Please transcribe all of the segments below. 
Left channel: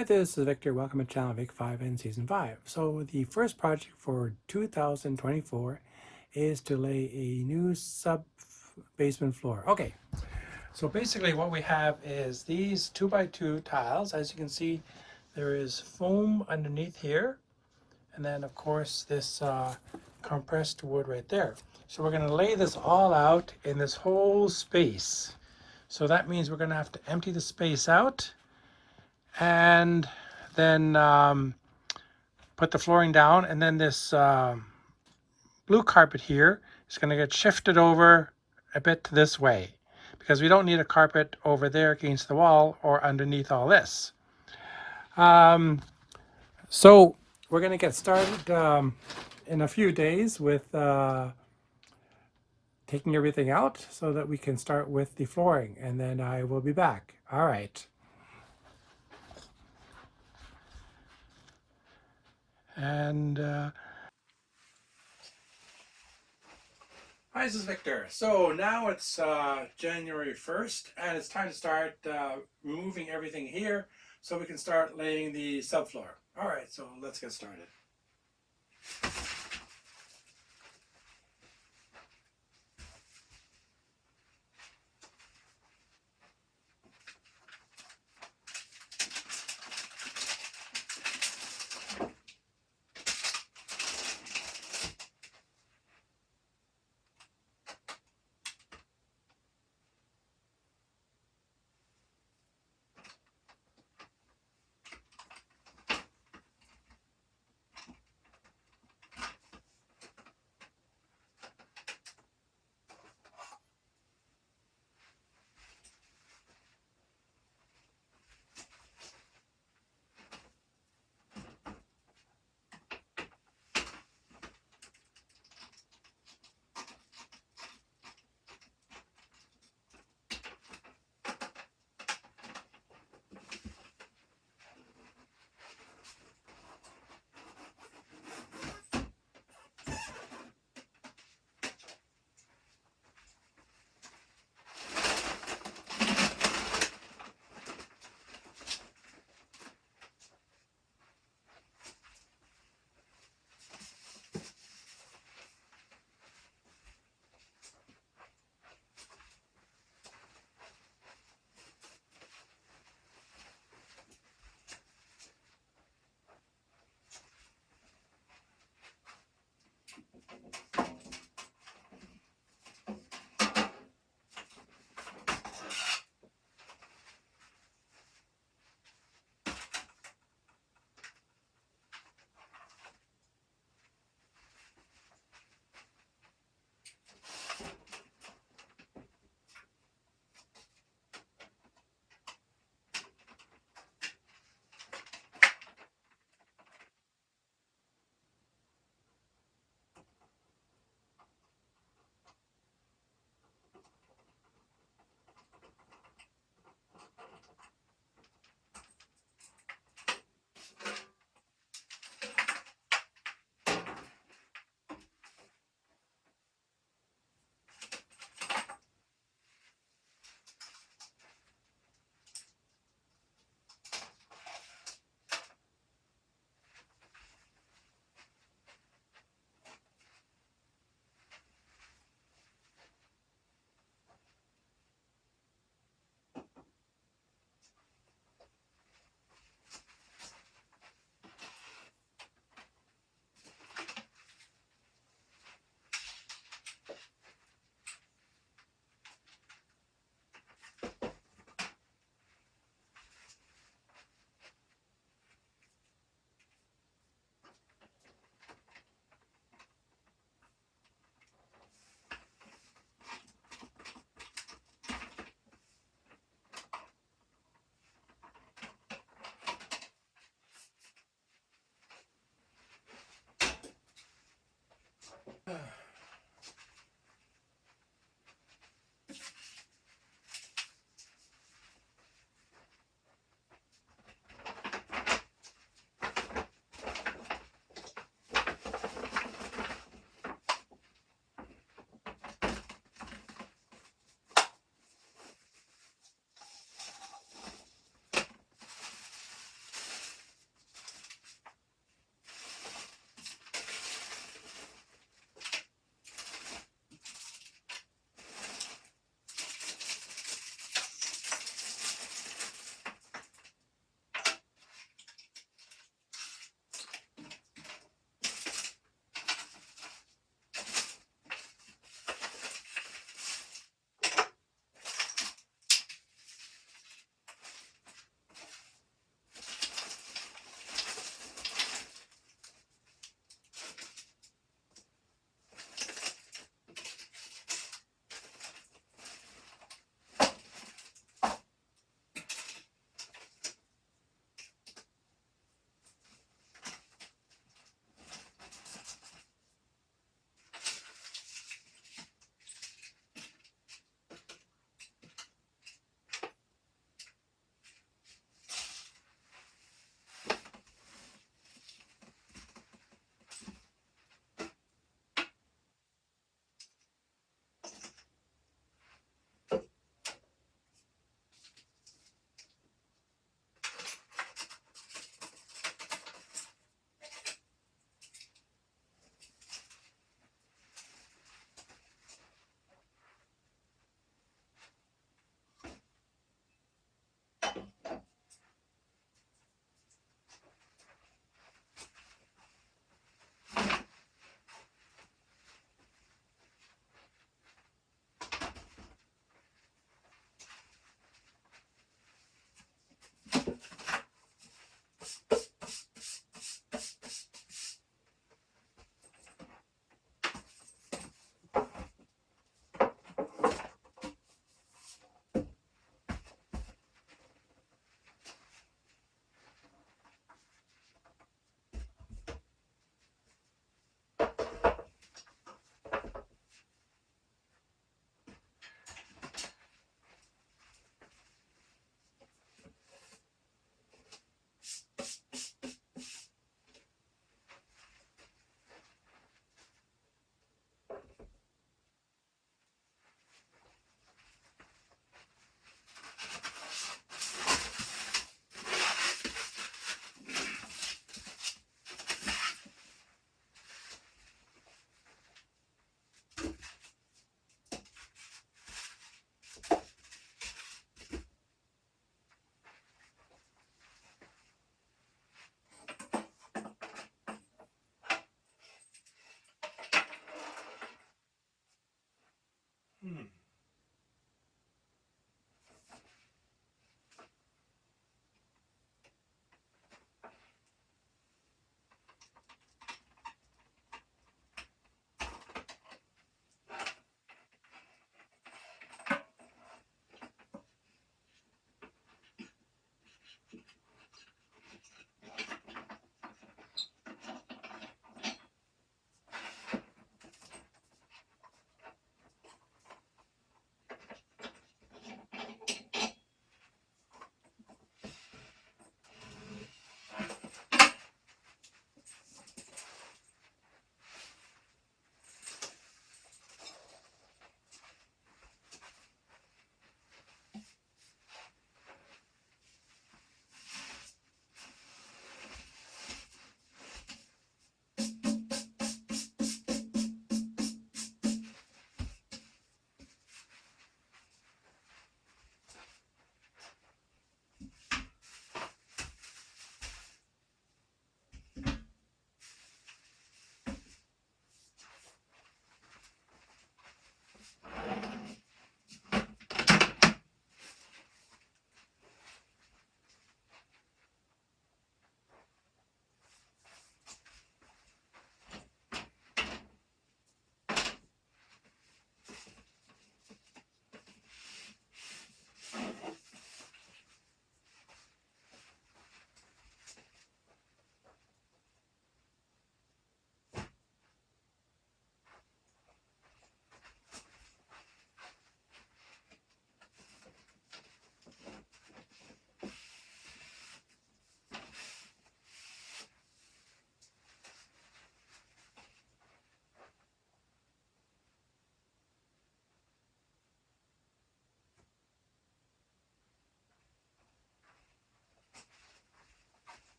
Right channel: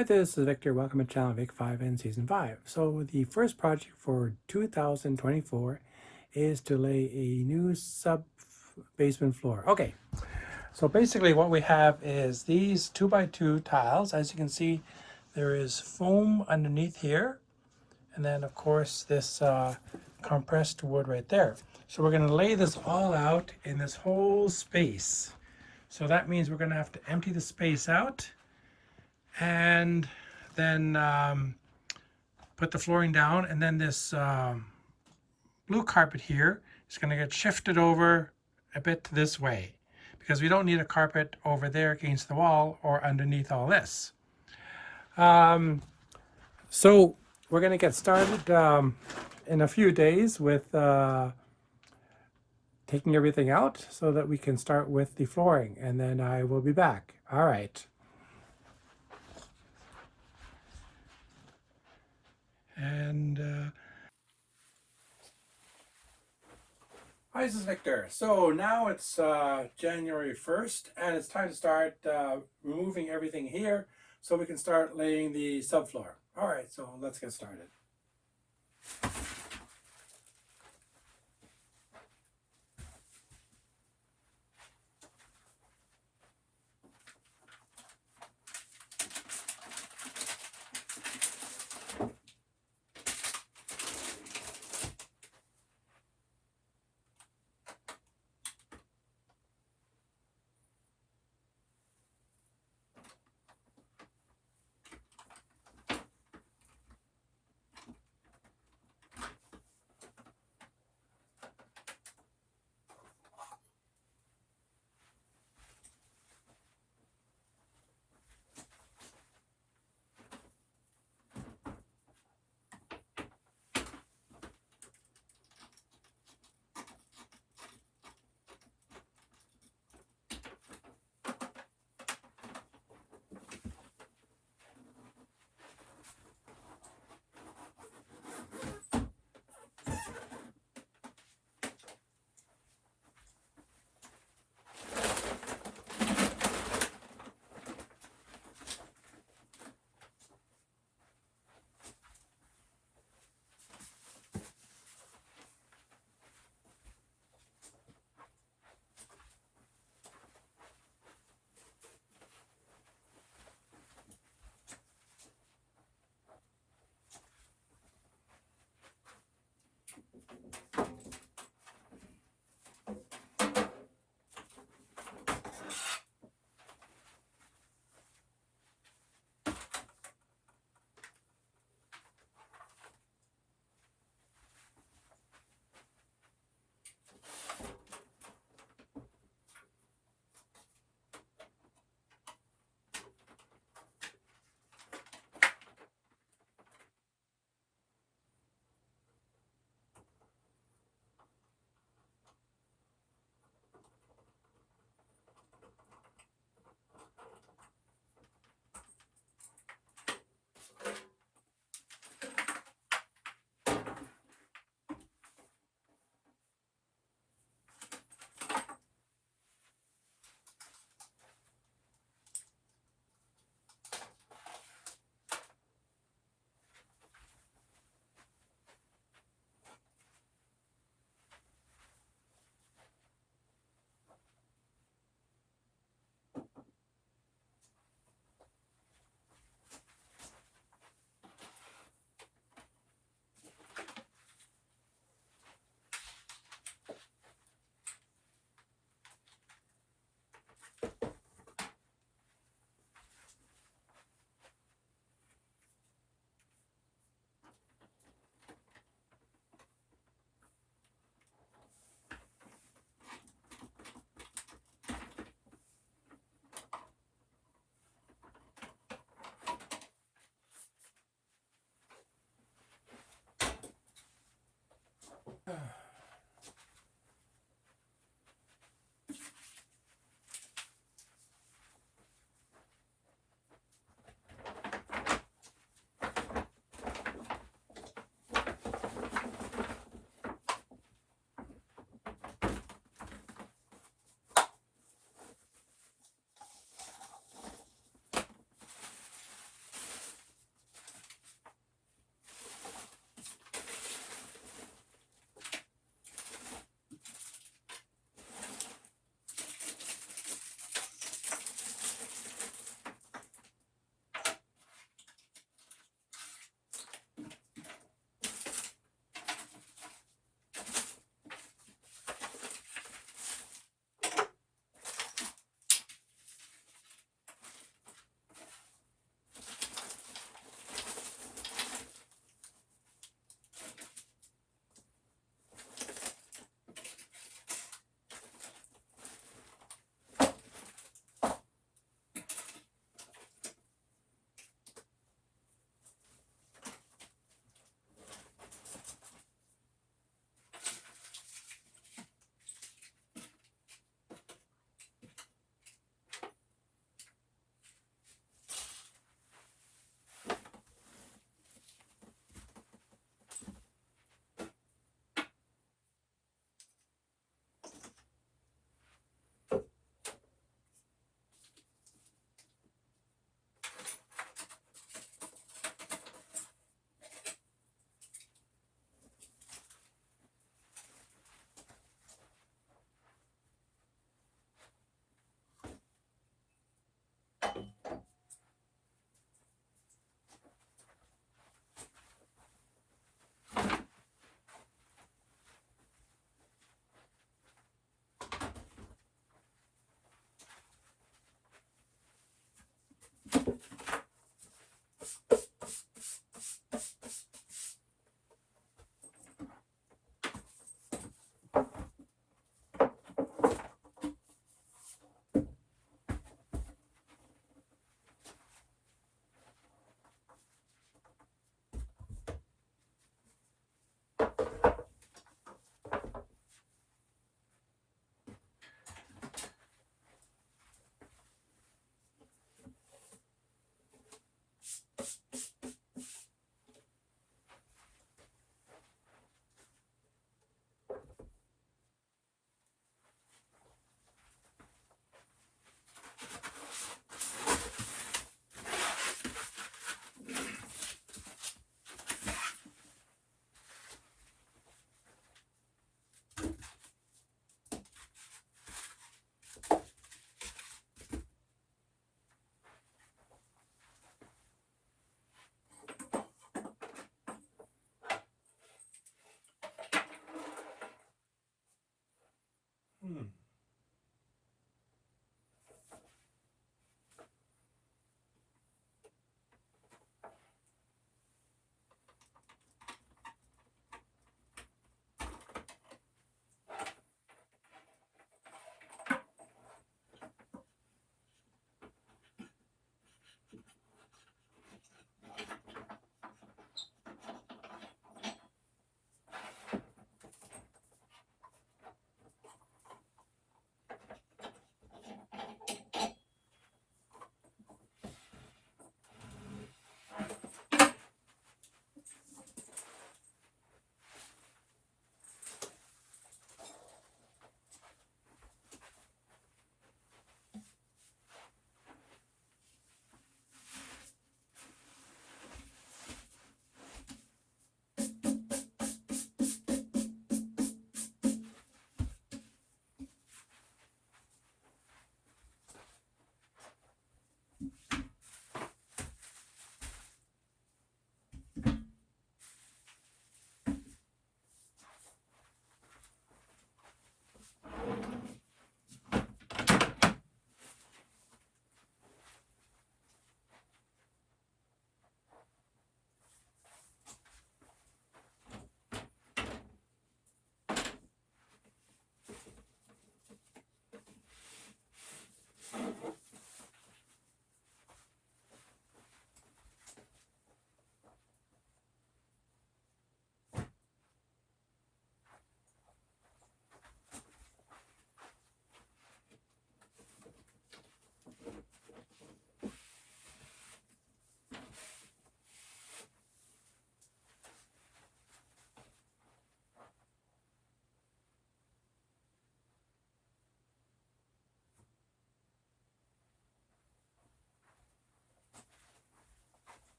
Hi, this is Victor. Welcome to channel Vic 5 and Season 5. So the first project for 2024 is to lay a new sub-basement floor. Okay, so basically what we have is these 2x2 tiles. As you can see, there is foam underneath here. And then of course this compressed wood right there. So we're going to lay this all out in this whole space. So that means we're going to have to empty the space out and then put the flooring down, and then this blue carpet here is going to get shifted over a bit this way because we don't need a carpet over there against the wall or underneath all this. So we're going to get started in a few days with taking everything out so that we can start with the flooring, and then I will be back. All right. And hi, this is Victor. So now it's January 1st, and it's time to start removing everything here so we can start laying the subfloor. All right, so let's get started.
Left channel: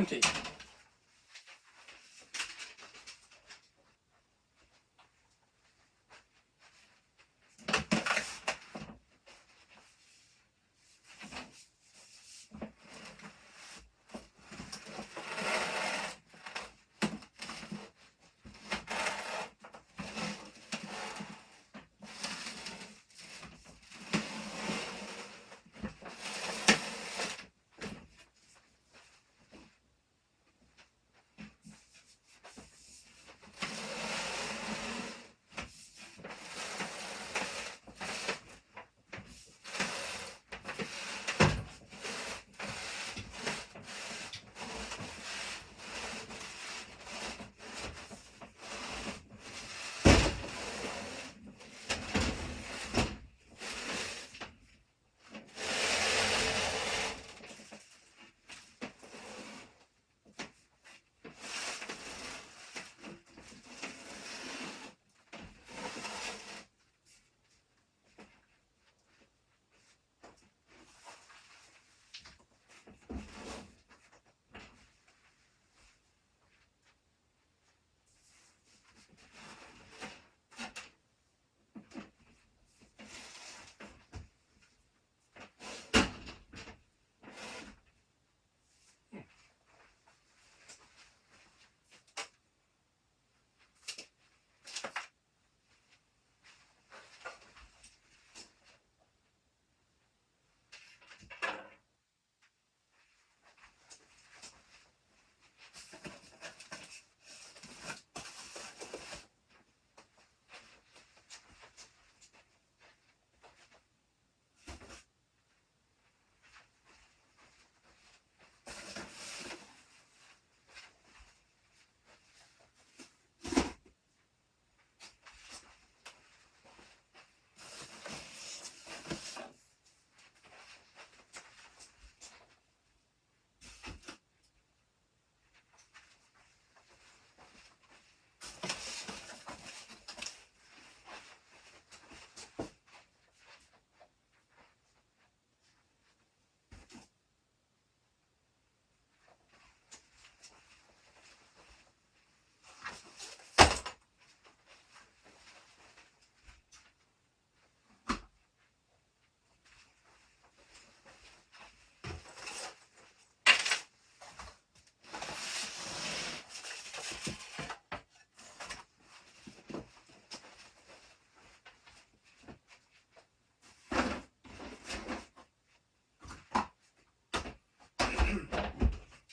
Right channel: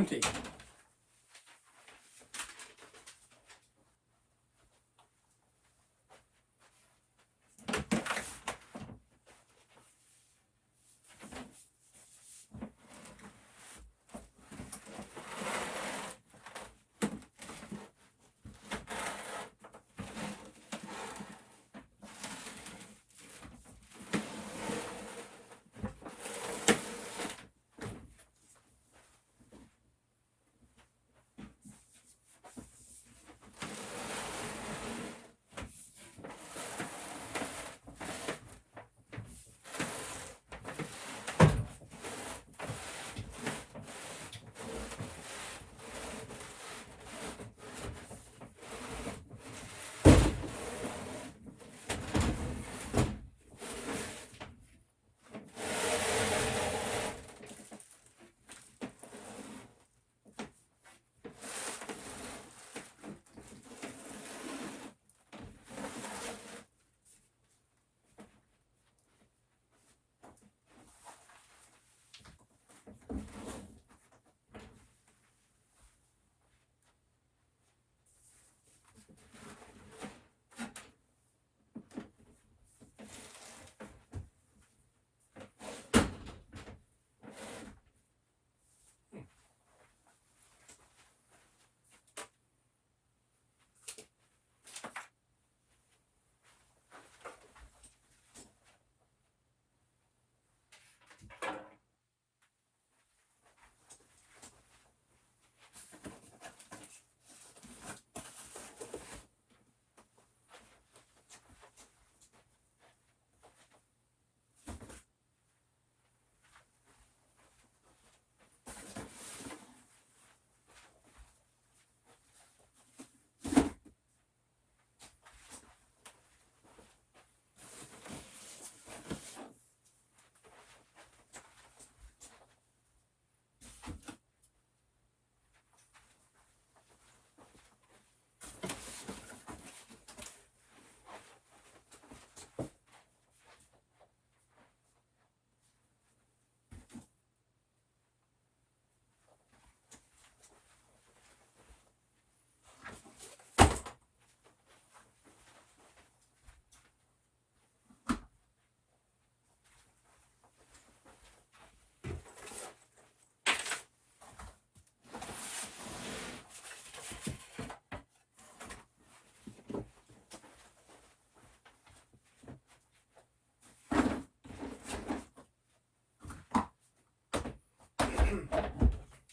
empty.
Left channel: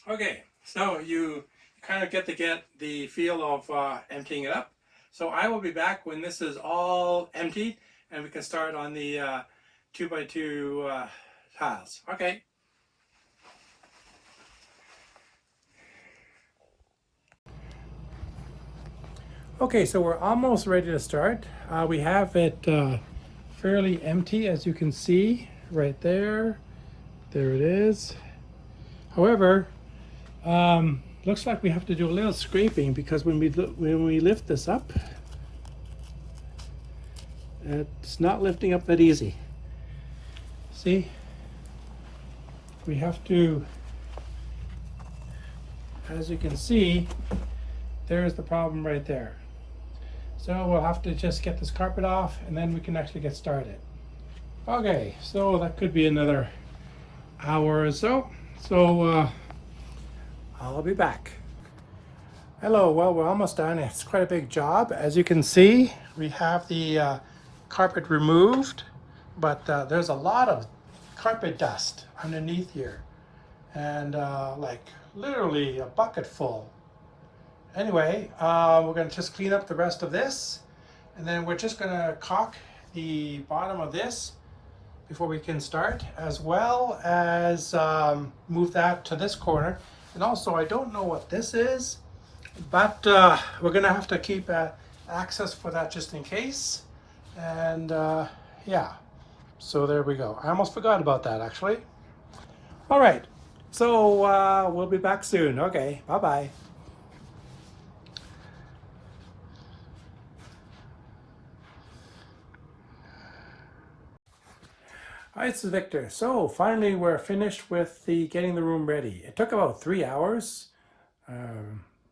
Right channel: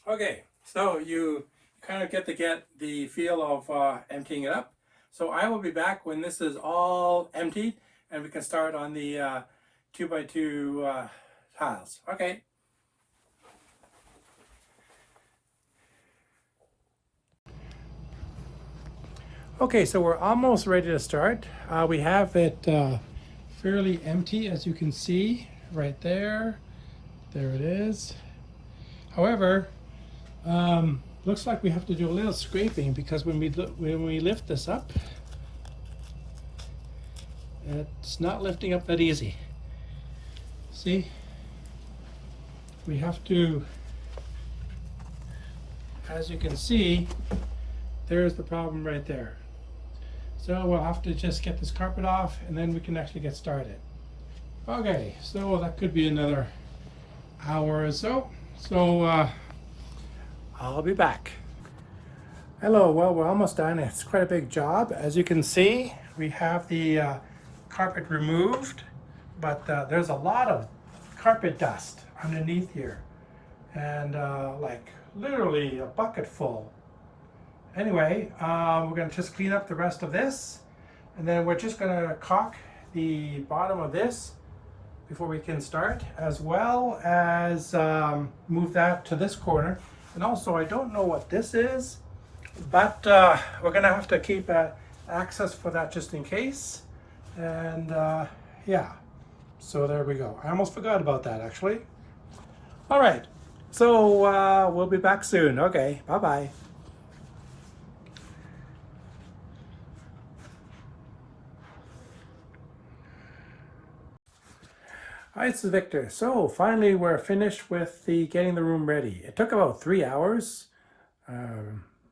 Okay, so you kind of get the feel of emptying it up. So I will be back when this is all emptied and we can start on the 2x2 tiles. Okay. Okay, so we're almost ready to start. We have it fairly empty, as you can see right there. There it is. However, looks like we have to do a little scraping because when we lift this up, it's not lifting up that easy. See, we have to, as you can see, there's the problem right there. So we'll have to just get this carpet off and then we can actually get started. Okay, so that could be another hour or so. So I'll be back. Hello, well, we're almost done. It's quite a big job. As you can see, we have the carpet removed, but there's a lot of carpet dust underneath here. And like literally a bucket full. Anyway, we're gonna just clean up the rest of this. And then we're just gonna caulk the bottom of this before we can start, as well as move that to this corner. And also, I don't know what this is, but we're gonna have to keep access for that just in case. And yeah, so there we go. I almost forgot about that actually. All right, so we'll be back soon. Okay, bye-bye. Hi, this is Victor. So finally we're finished with getting the room ready. It took about 3 hours.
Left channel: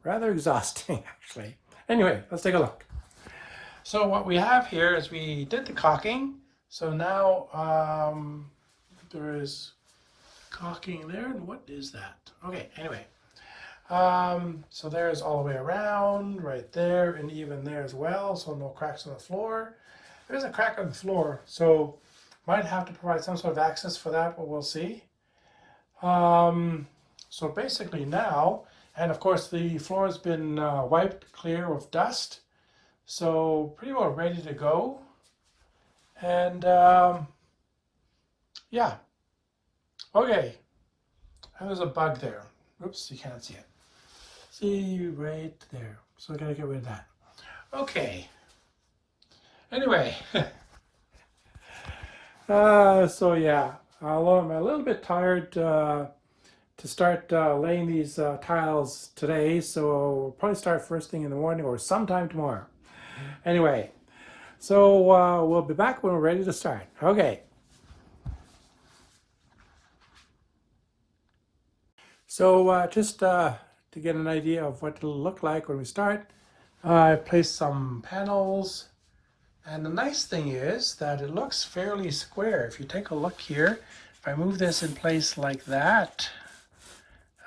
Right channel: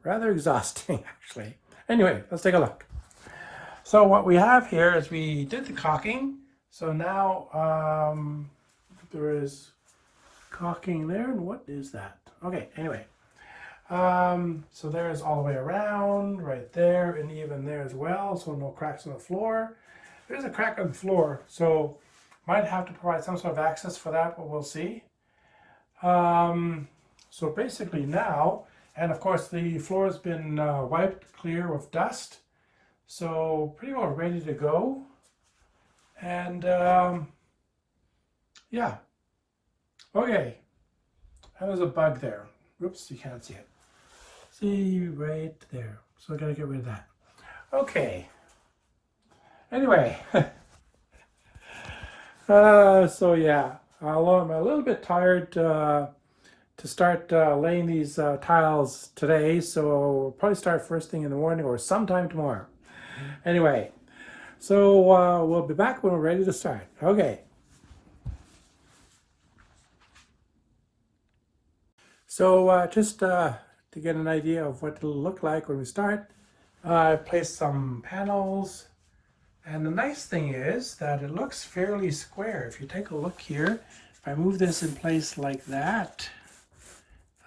Rather exhausting actually. Anyway, let's take a look. So what we have here is we did the caulking. So now there is caulking there. And what is that? Okay, anyway. So there's all the way around, right there, and even there as well. So no cracks on the floor. There's a crack on the floor, so might have to provide some sort of access for that, but we'll see. So basically now, and of course the floor has been wiped clear of dust, so pretty well ready to go. And yeah, okay. And there's a bug there. Oops, you can't see it. See right there. So I gotta get rid of that. Okay. Anyway. So yeah, although I'm a little bit tired to start laying these tiles today, so we'll probably start first thing in the morning or sometime tomorrow. Anyway, so we'll be back when we're ready to start. Okay. So just to get an idea of what it'll look like when we start, I placed some panels. And the nice thing is that it looks fairly square. If you take a look here, if I move this in place like that,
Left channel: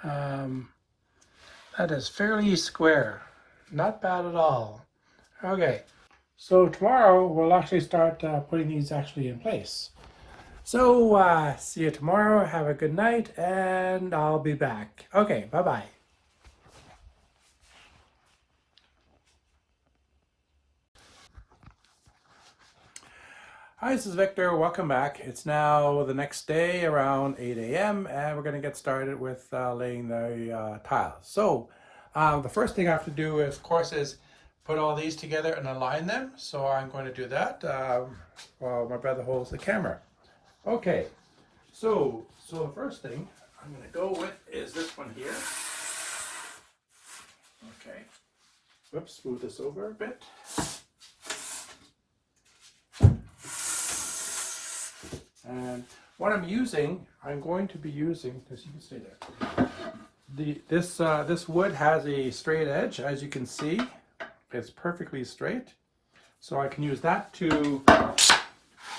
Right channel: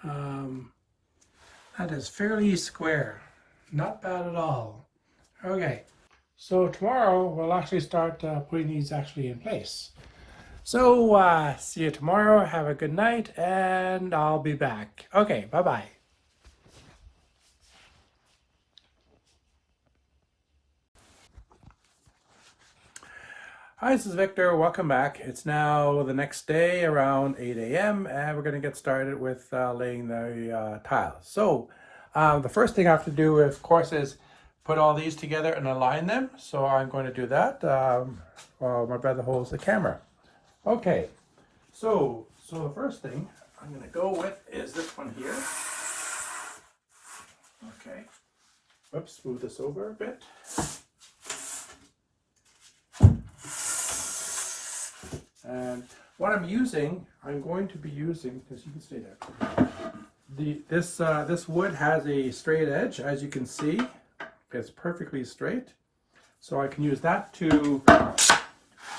that is fairly square. Not bad at all. Okay, so tomorrow we'll actually start putting these actually in place. So see you tomorrow. Have a good night, and I'll be back. Okay, bye-bye. Hi, this is Victor. Welcome back. It's now the next day around 8 a.m. and we're going to get started with laying the tiles. So the first thing I have to do, of course, is put all these together and align them. So I'm going to do that while my brother holds the camera. Okay, so the first thing I'm going to go with is this one here. Okay, whoops, move this over a bit. And what I'm going to be using, because you can stay there. This wood has a straight edge, as you can see. It's perfectly straight. So I can use that to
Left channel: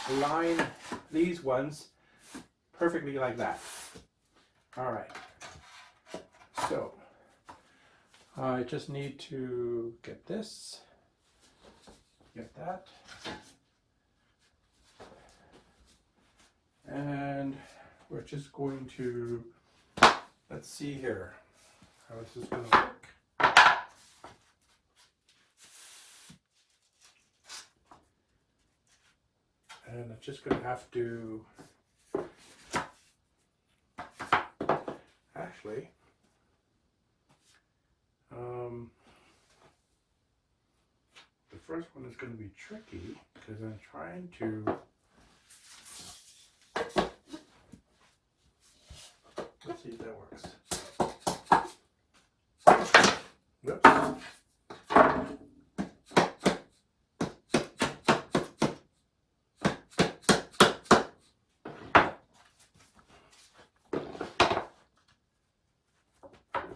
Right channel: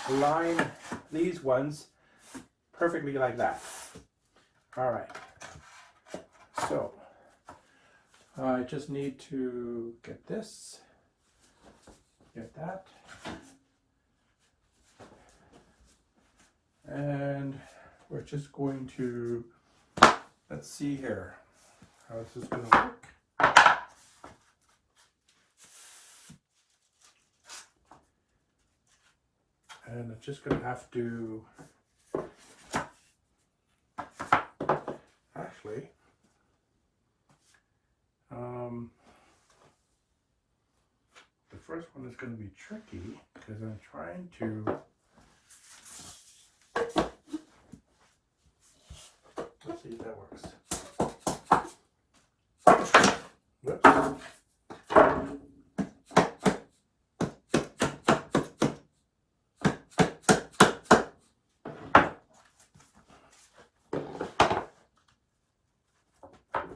align these ones perfectly like that. All right. So I just need to get this, get that. And we're just going to, let's see here how this is going to work. And I'm just going to have to, actually, the first one is going to be tricky because I'm trying to, let's see if that works. Whoops.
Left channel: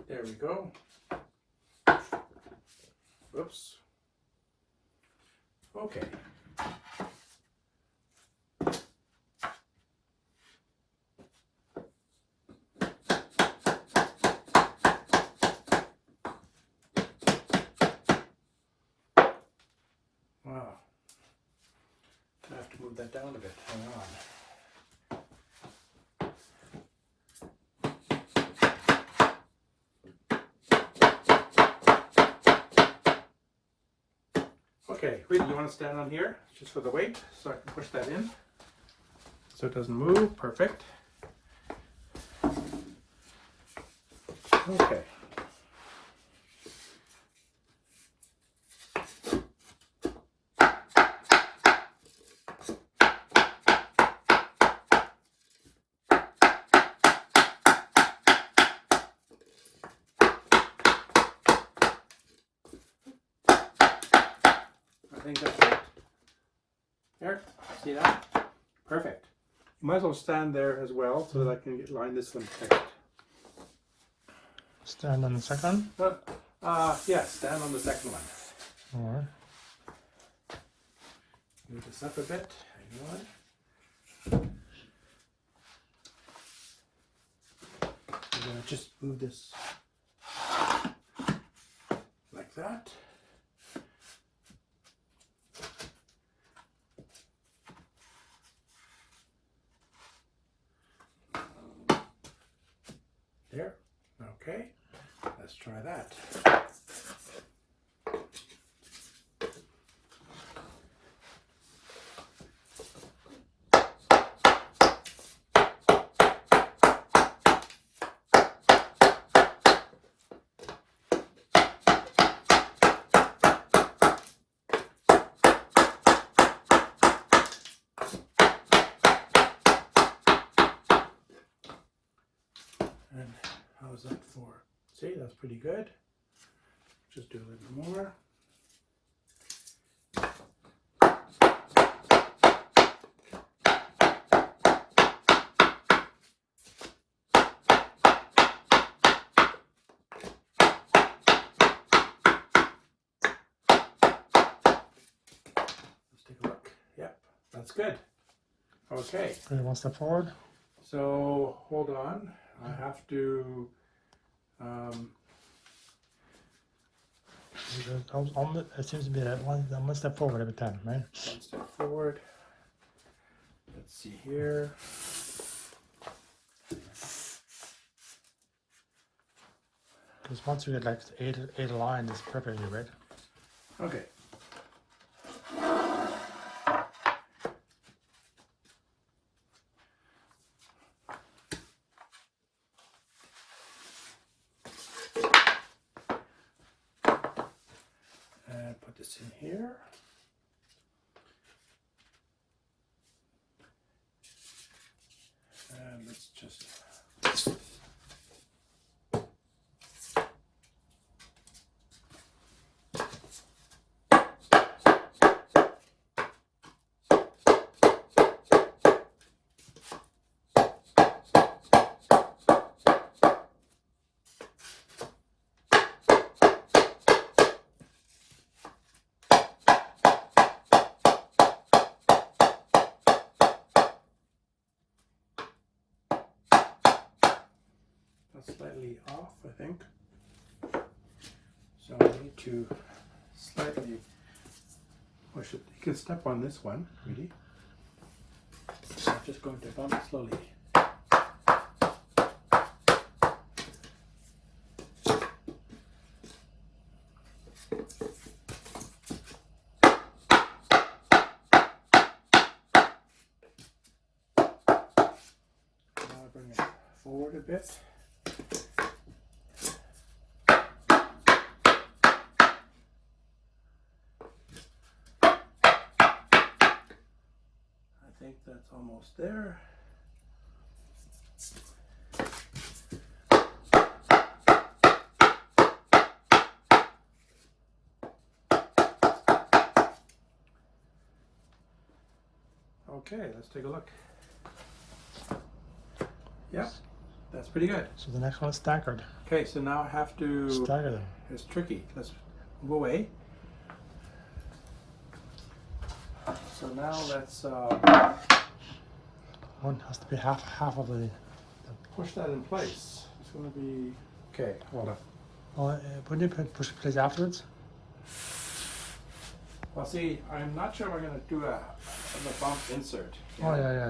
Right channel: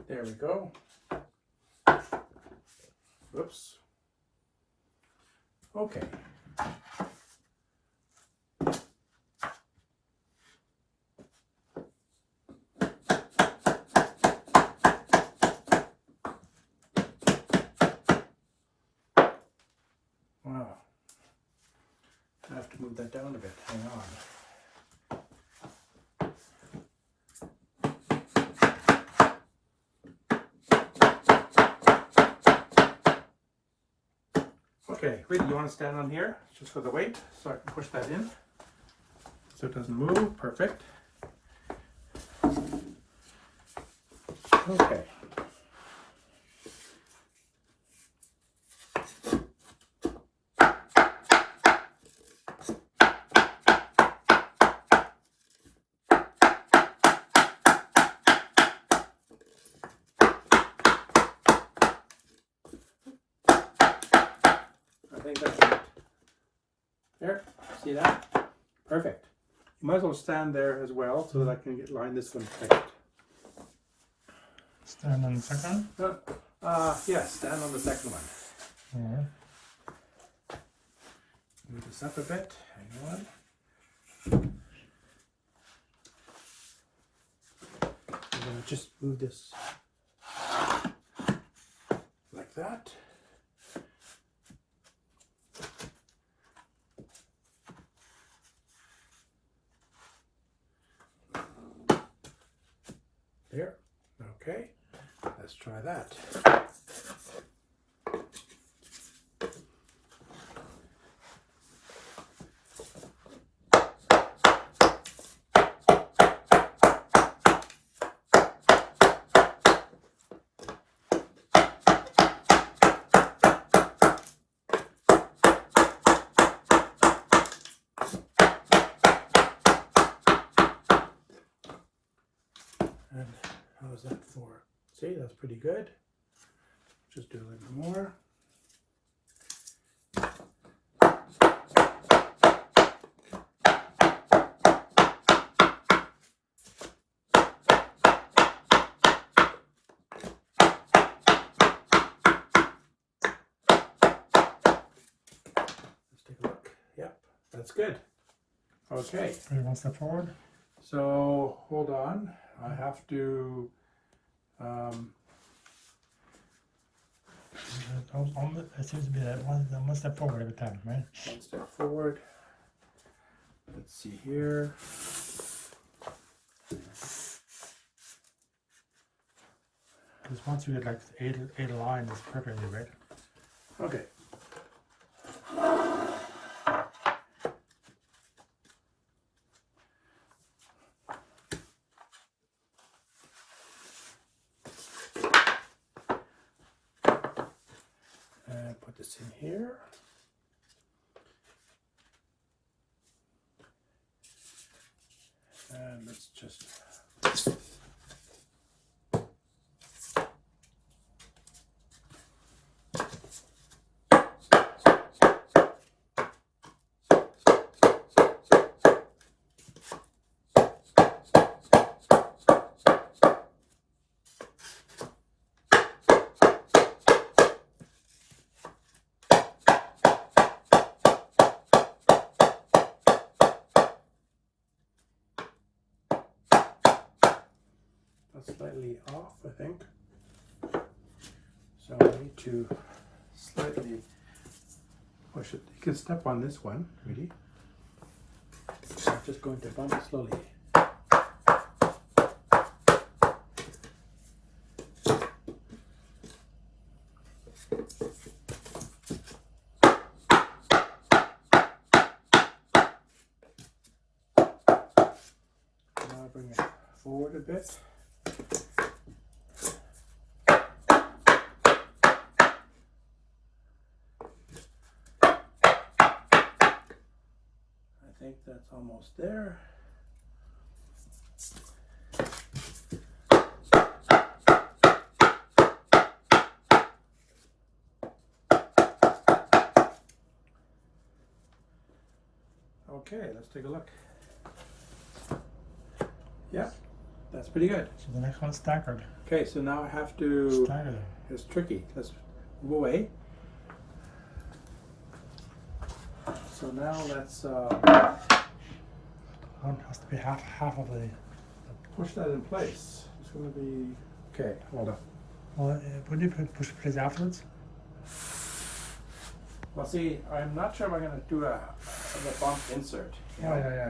There we go. Whoops. Okay. Wow. I have to move that down a bit. Hang on. Okay, wait, you want to stand on here just for the weight so I can push that in so it doesn't move. Perfect. Okay. I think that's it. There, see that? Perfect. might as well stand there as well so that I can line this one tight. Stand on the second? Yeah, stand on the second one. Alright. Move this up a bit. Hang on. I'm going to just move this like that. There. Okay. Let's try that. And how's that for? See, that's pretty good. Just do a little bit more. Let's take a look. Yep, that's good. Okay. Ready, one step forward. So hold on. I have to It seems to be one step forward every time, right? one step forward. Let's see here. Because once you get like eight lines, it's perfectly right. Okay. And put this in here. And let's just slightly off, I think. So I need to slightly push it. You can step on this one, really. I'm just going to bump it slowly. Now bring it forward a bit. I think that's almost there. Okay, let's take a look. Yeah, that's pretty good. So the next one's staggered. Okay, so now I have to, Stagger them. it's tricky. Let's move away. So now let's One has to be half of the. push that in place. It's going to be, okay, hold on. Well, wouldn't you push it place afterwards? Well, see, I'm not sure if I'm going to do a bump insert. Oh, yeah.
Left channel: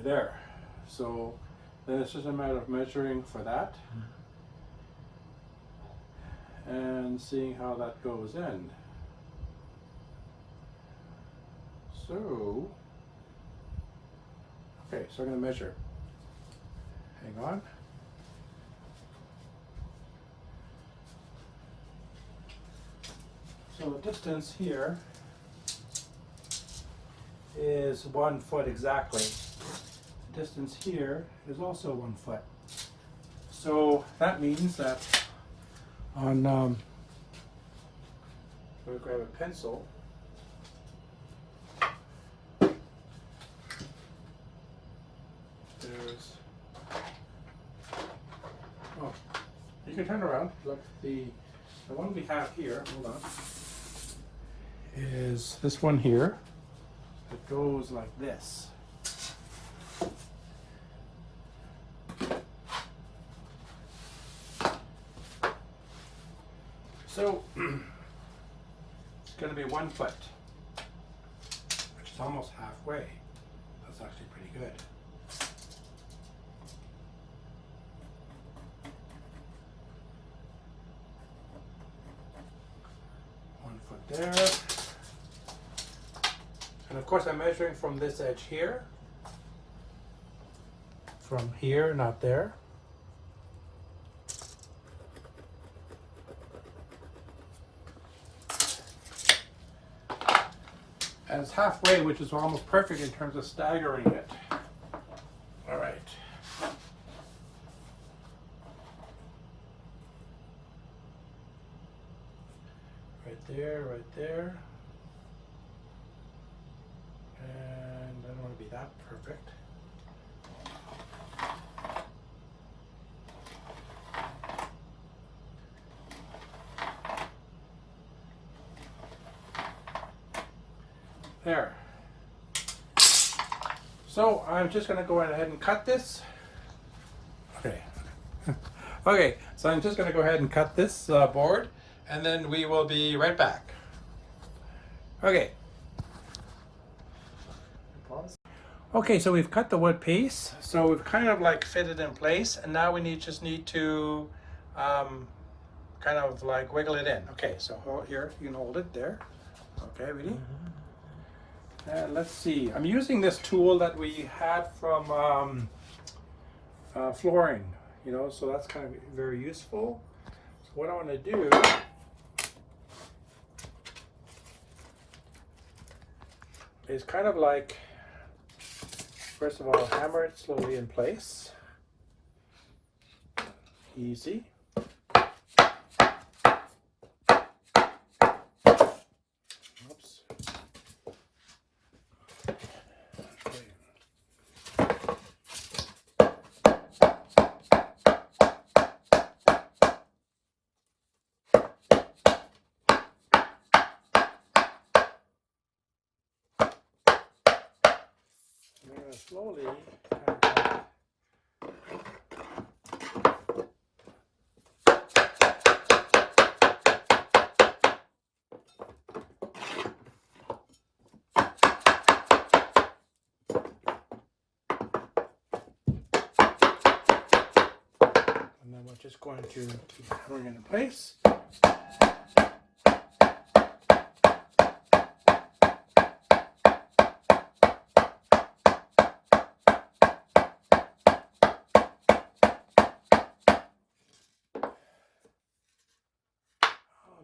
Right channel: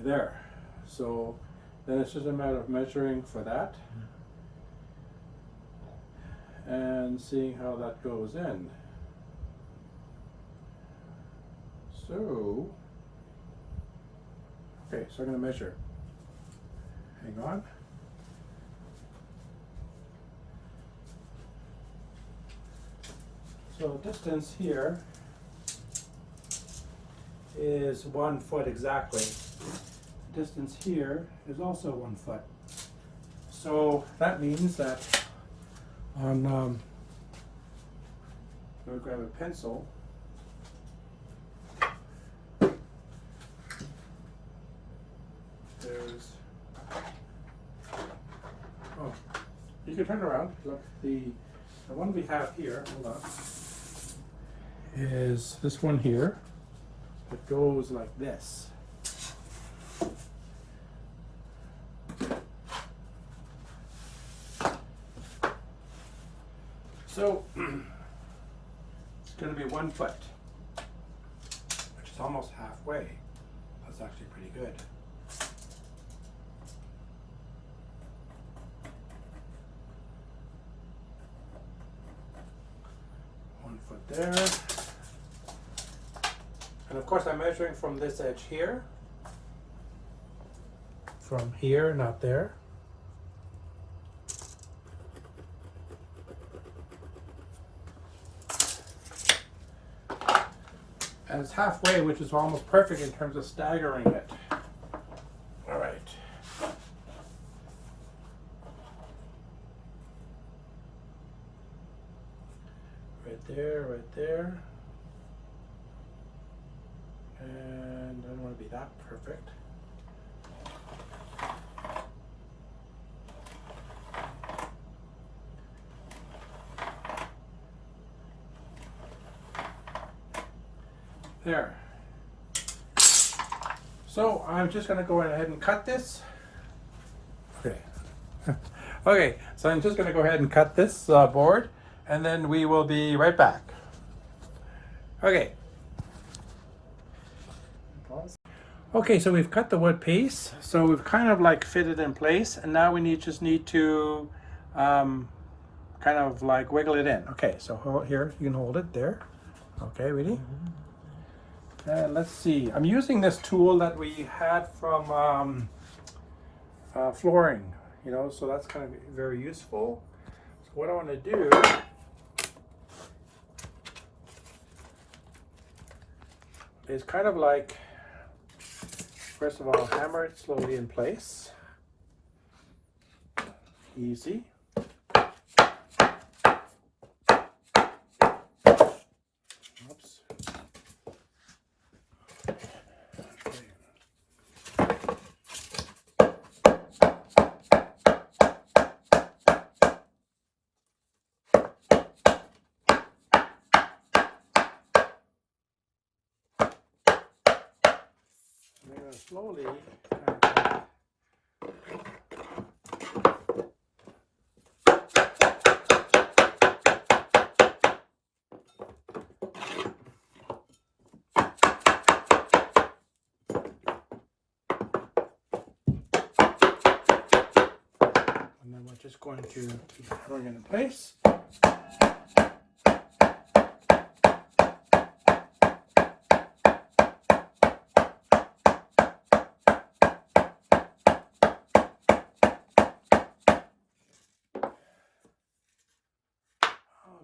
There. So then it's just a matter of measuring for that and seeing how that goes in. So, okay, so I'm going to measure. Hang on. So the distance here is 1 foot exactly. The distance here is also 1 foot. So that means that on we'll grab a pencil. There's, oh, you can turn around. Look, the one we have here, hold on, is this one here. It goes like this. So it's going to be 1 foot, which is almost halfway. That's actually pretty good. There, and of course I'm measuring from this edge here, from here, not there. And it's halfway, which is almost perfect in terms of staggering it. All right. Right there. And I don't want to be that perfect. There. So I'm just going to go ahead and cut this. Okay. Okay, so I'm just going to go ahead and cut this board, and then we will be right back. Okay. Okay, so we've cut the wood piece, so we've kind of like fit it in place, and now we just need to kind of like wiggle it in. Okay, so here, you can hold it there. Okay, ready? And let's see, I'm using this tool that we had from flooring, you know, so that's kind of very useful. So what I want to do is kind of like, first of all, hammer it slowly in place. Easy. Oops. Okay. I'm going to slowly and then we're just going to keep hammering it in place.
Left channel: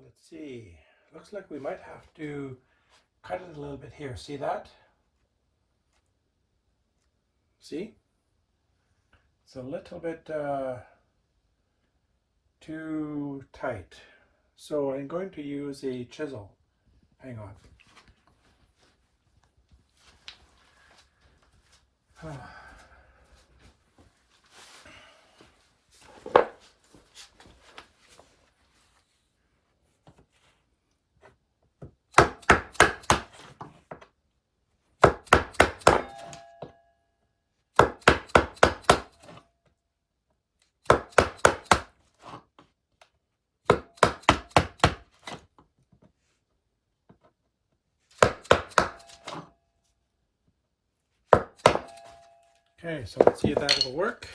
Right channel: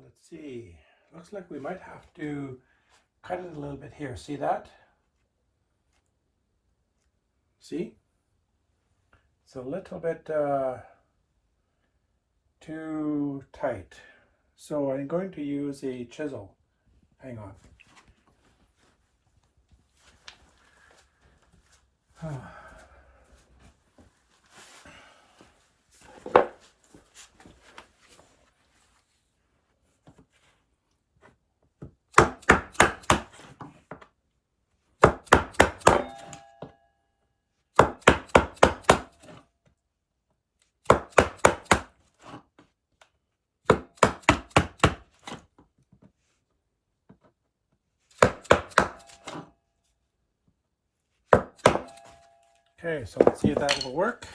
Let's see, looks like we might have to cut it a little bit here. See that? See? It's a little bit too tight. So I'm going to use a chisel. Hang on. Okay, so let's see if that will work.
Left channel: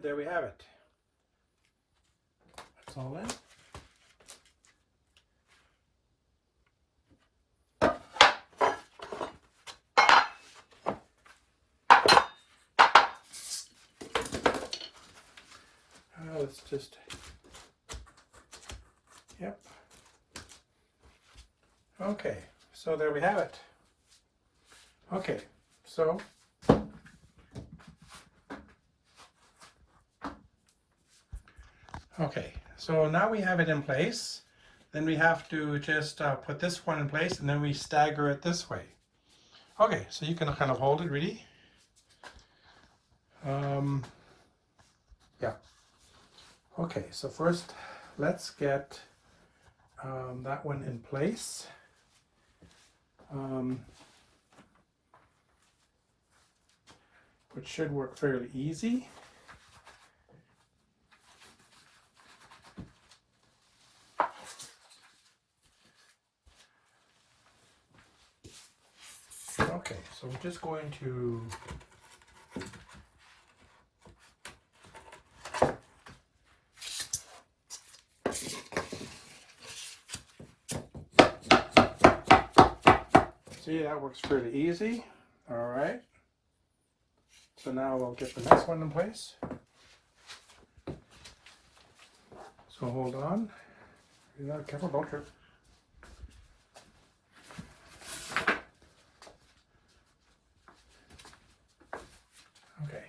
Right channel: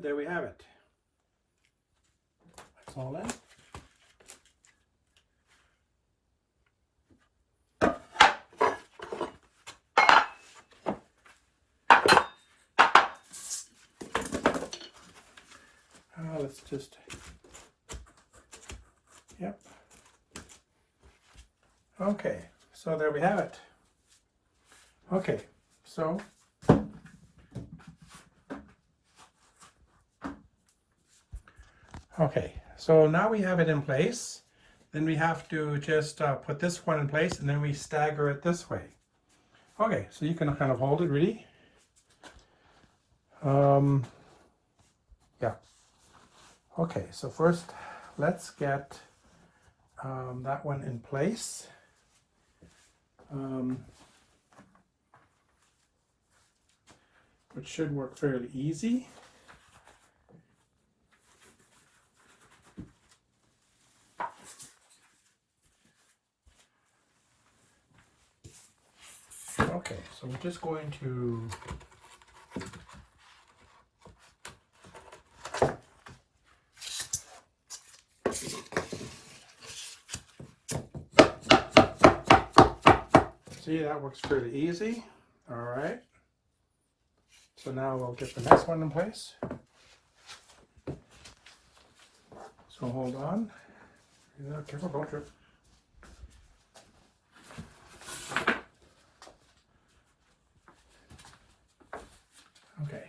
And there we have it. That's all in. Let's just, yep. Okay, so there we have it. Okay, so now we have it in place. Then we have to just put this one in place, and then we stagger it this way. Okay, so you can kind of hold it really. Yeah. Okay, so first let's get that one in place. Which should work fairly easy. Okay, so we're just going to see, that works fairly easy. All right. So now we'll get the next one in place. So hold on. Be not careful, don't trip. Okay.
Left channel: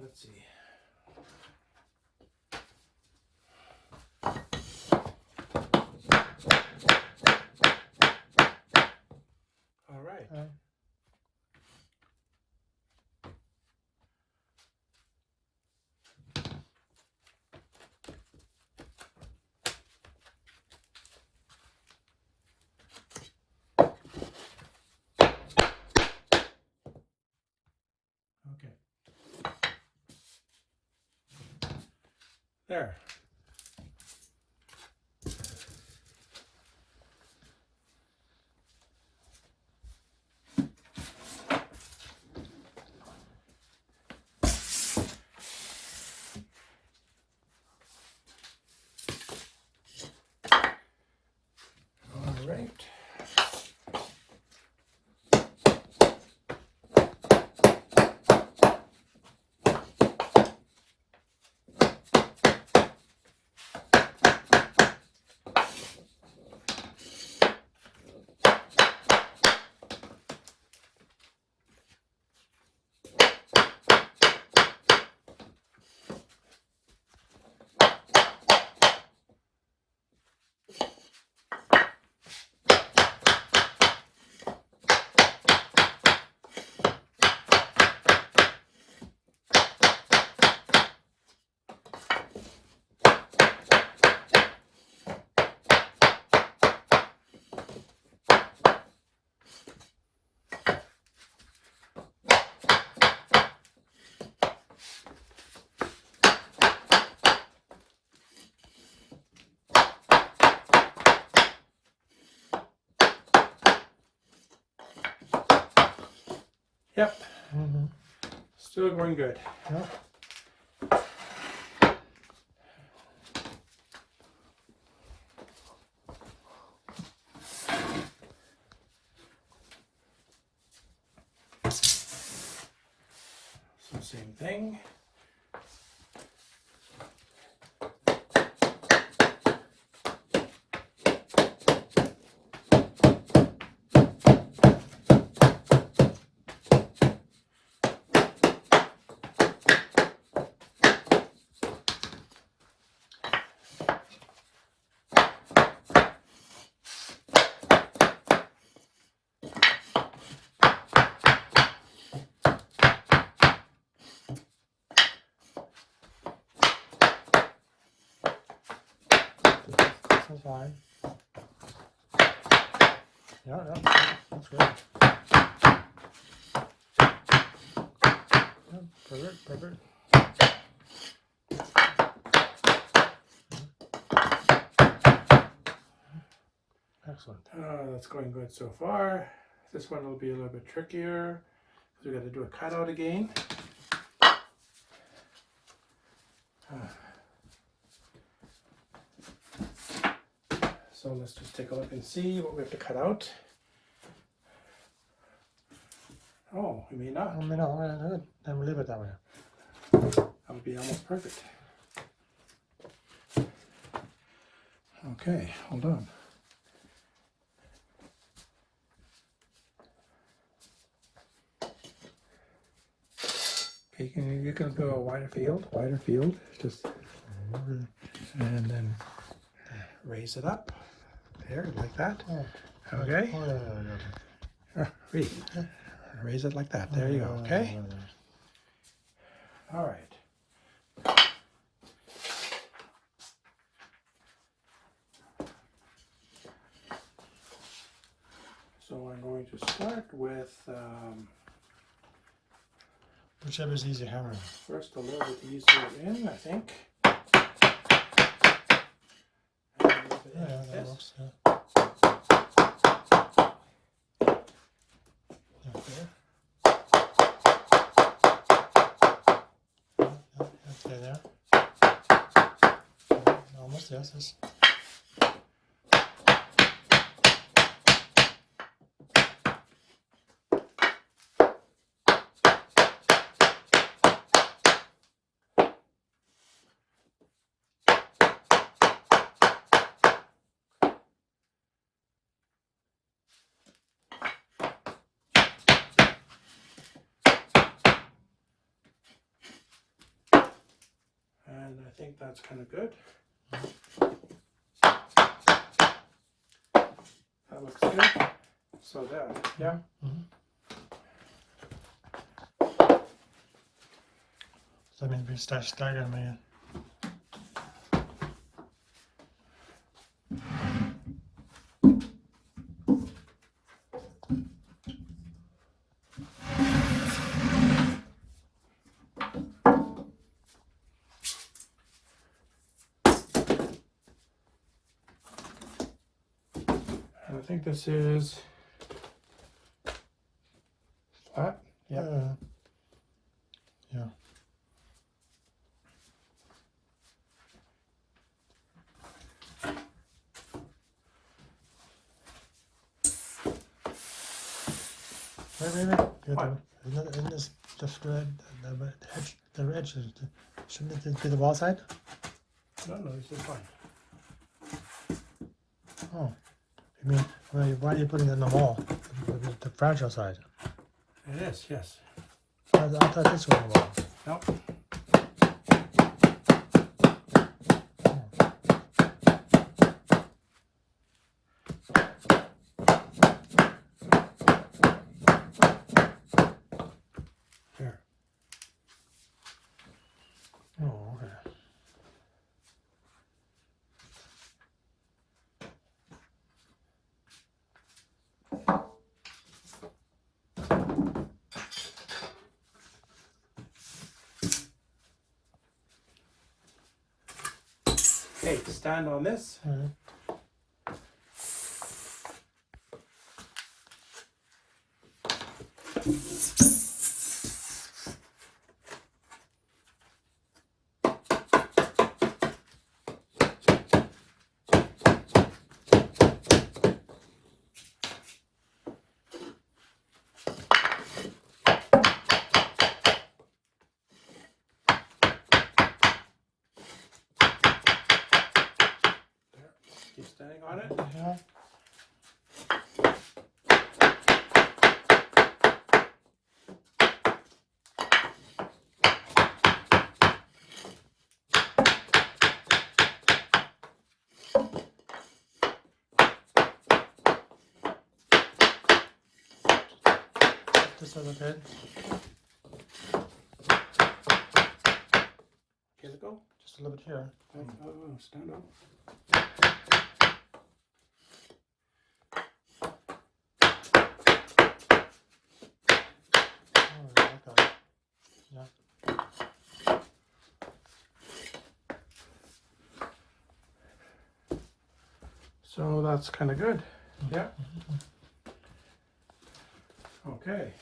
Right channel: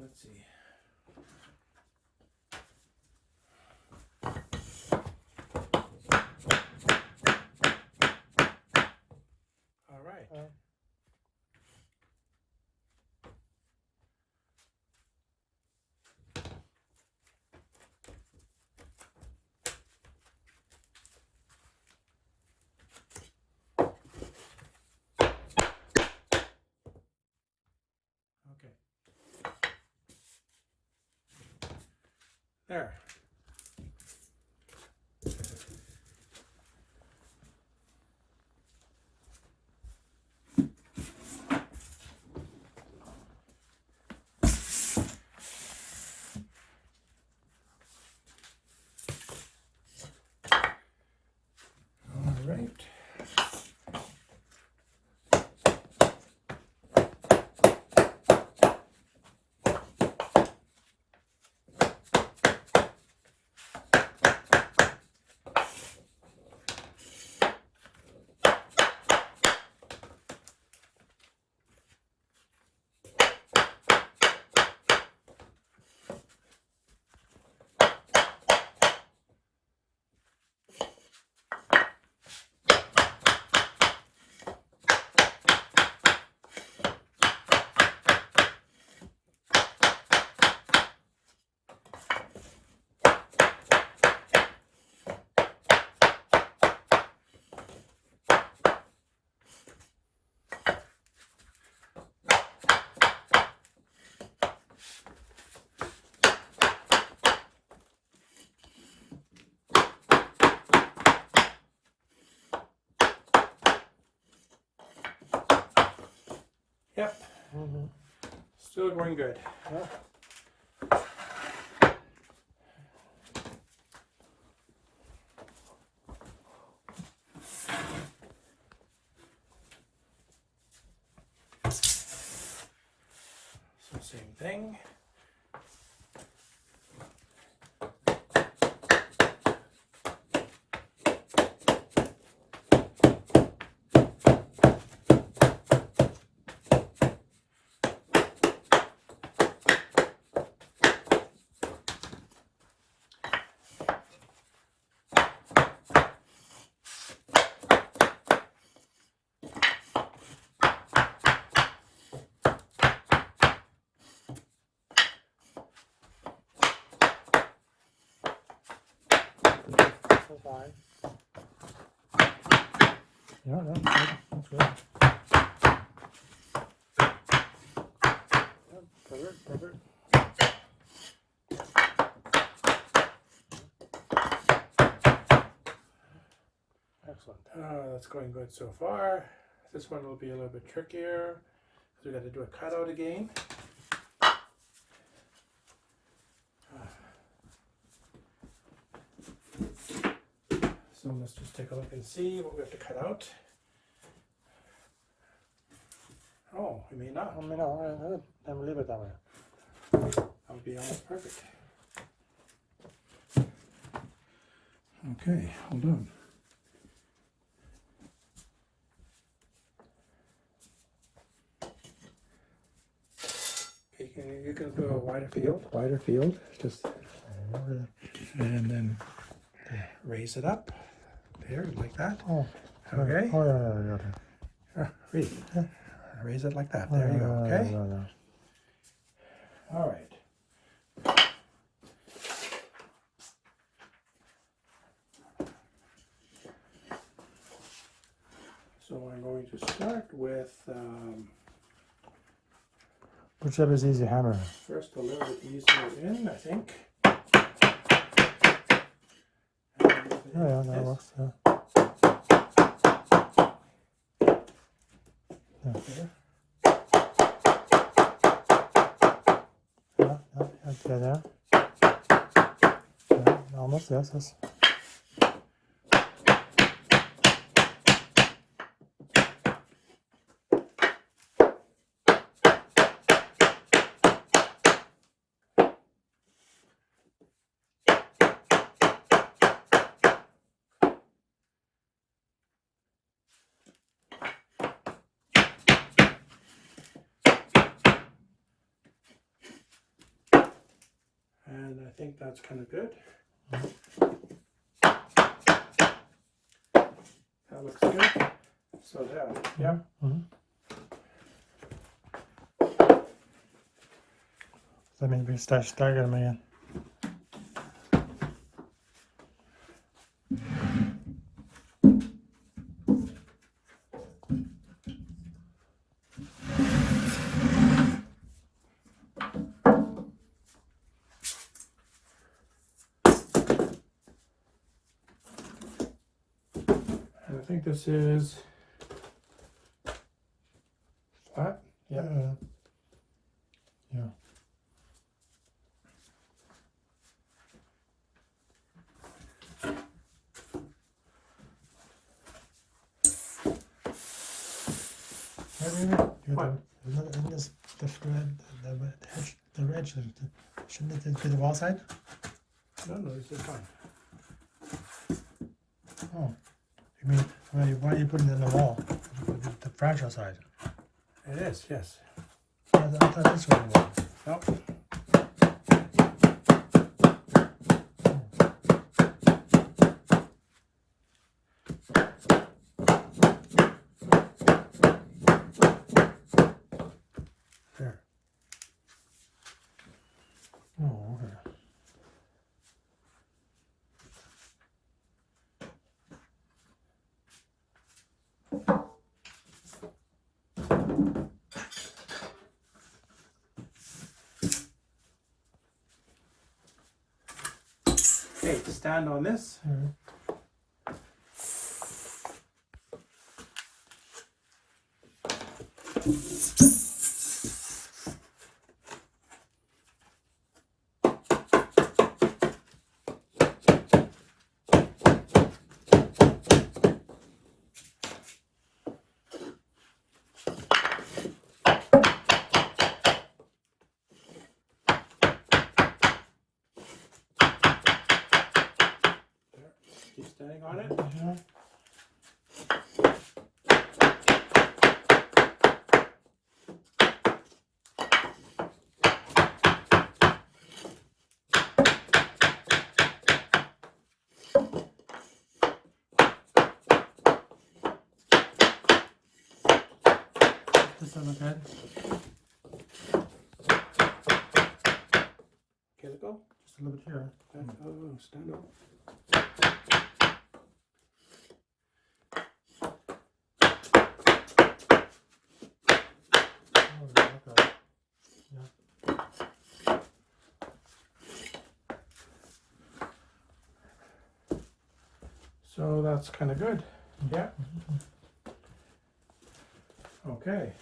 Let's see. All right. Okay. There. All right. Yep. Mm-hmm. Still going good. Yeah. So same thing. That's fine. Yeah, no, that's good. Yeah, perfect, perfect. Excellent. That's going good so far. This one will be a little bit trickier because we got to do a cutout again. So let's just take a look and see what we have to cut out. Oh, we may not. I mean, no, good. Then we leave it that way. That would be almost perfect. Okay, hold on. Okay, you can do a wider field. Wider field. Just and then raise it up. There, like that. Oh. Okay. Oh, yeah. Read. Yeah. Raise it like that. There you go. Okay. Yeah. All right. So I'm going to start with Whichever is easy, hammer. first a little bit easier in, I think. Yeah, that works. Yeah. There. Yeah, there. Yeah, almost, yes. And I think that's kind of good. That looks good. So there, yeah. So maybe stagger them again. And I think this is flat. Yeah. Yeah. Maybe. What? Isn't this the thread, the edge, shouldn't it be the wall side? No, this is fine. Oh. I mean, why are you putting it on the wall? The fragile side. It is, yes. I thought this was the wall. Nope. There. Oh, okay. Okay, stand on this. just a little bit. Okay, let go. Just a little bit here. Oh, stand up. Oh, okay. Yeah. So that's kind of good. Yeah. Okay.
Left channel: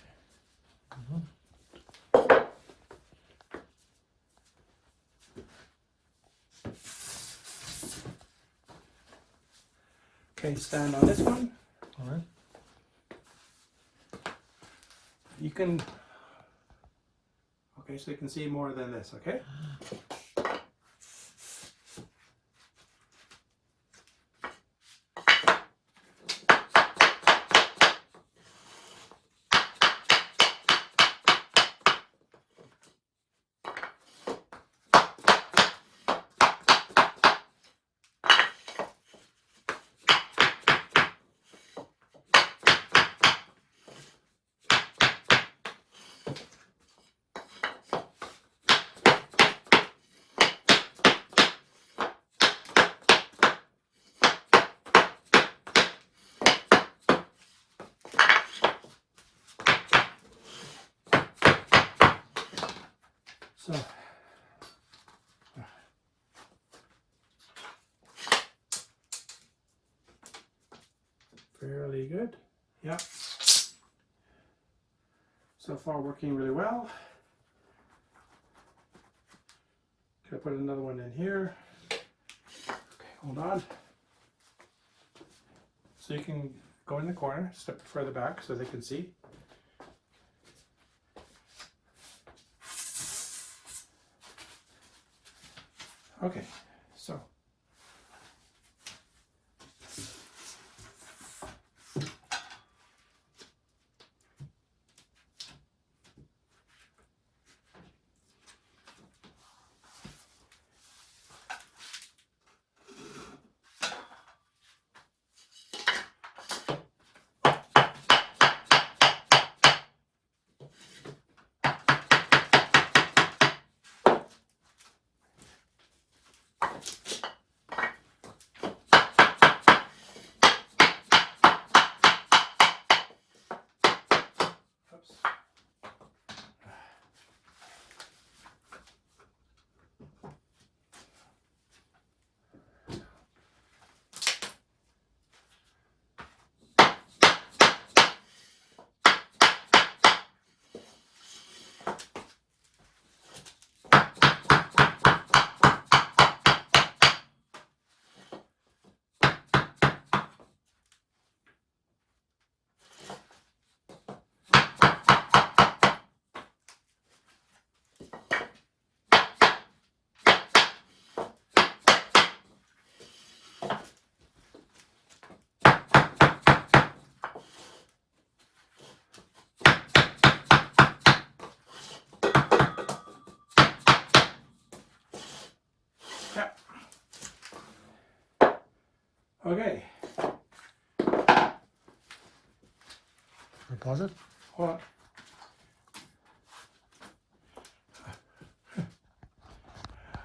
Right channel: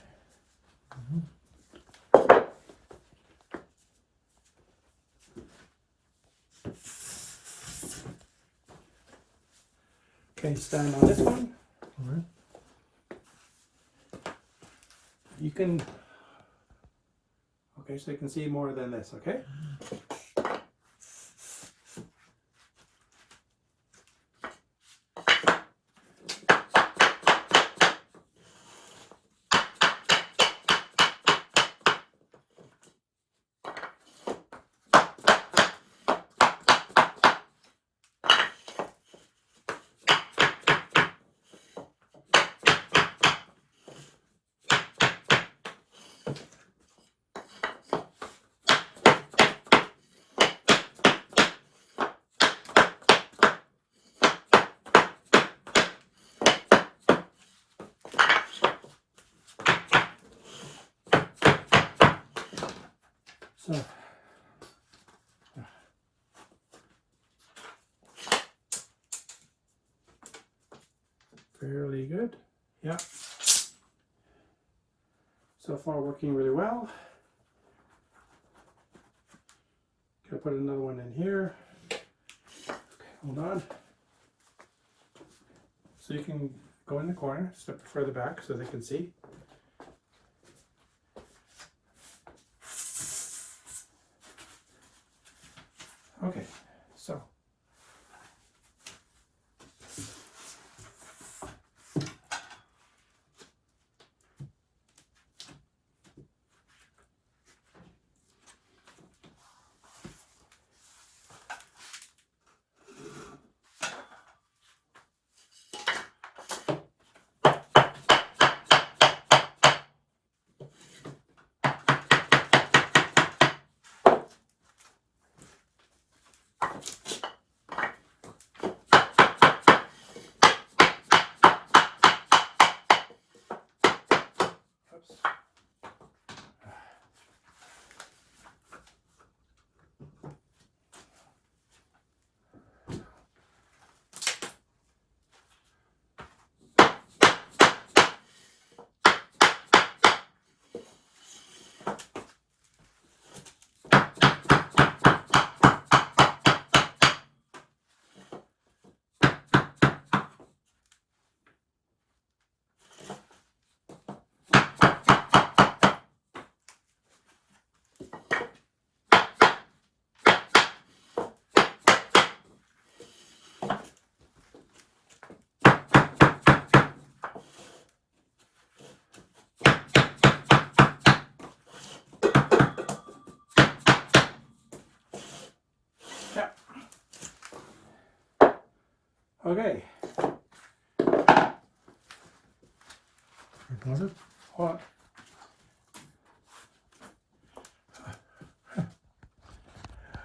Okay, stand on this one. All right. You can. Okay, so you can see more than this. Okay. So. Fairly good. Yeah. So far working really well. Gonna put another one in here. Okay, hold on. So you can go in the corner, step further back so they can see. Okay, so. Oops. Yeah. Okay. Pause it. Hold on.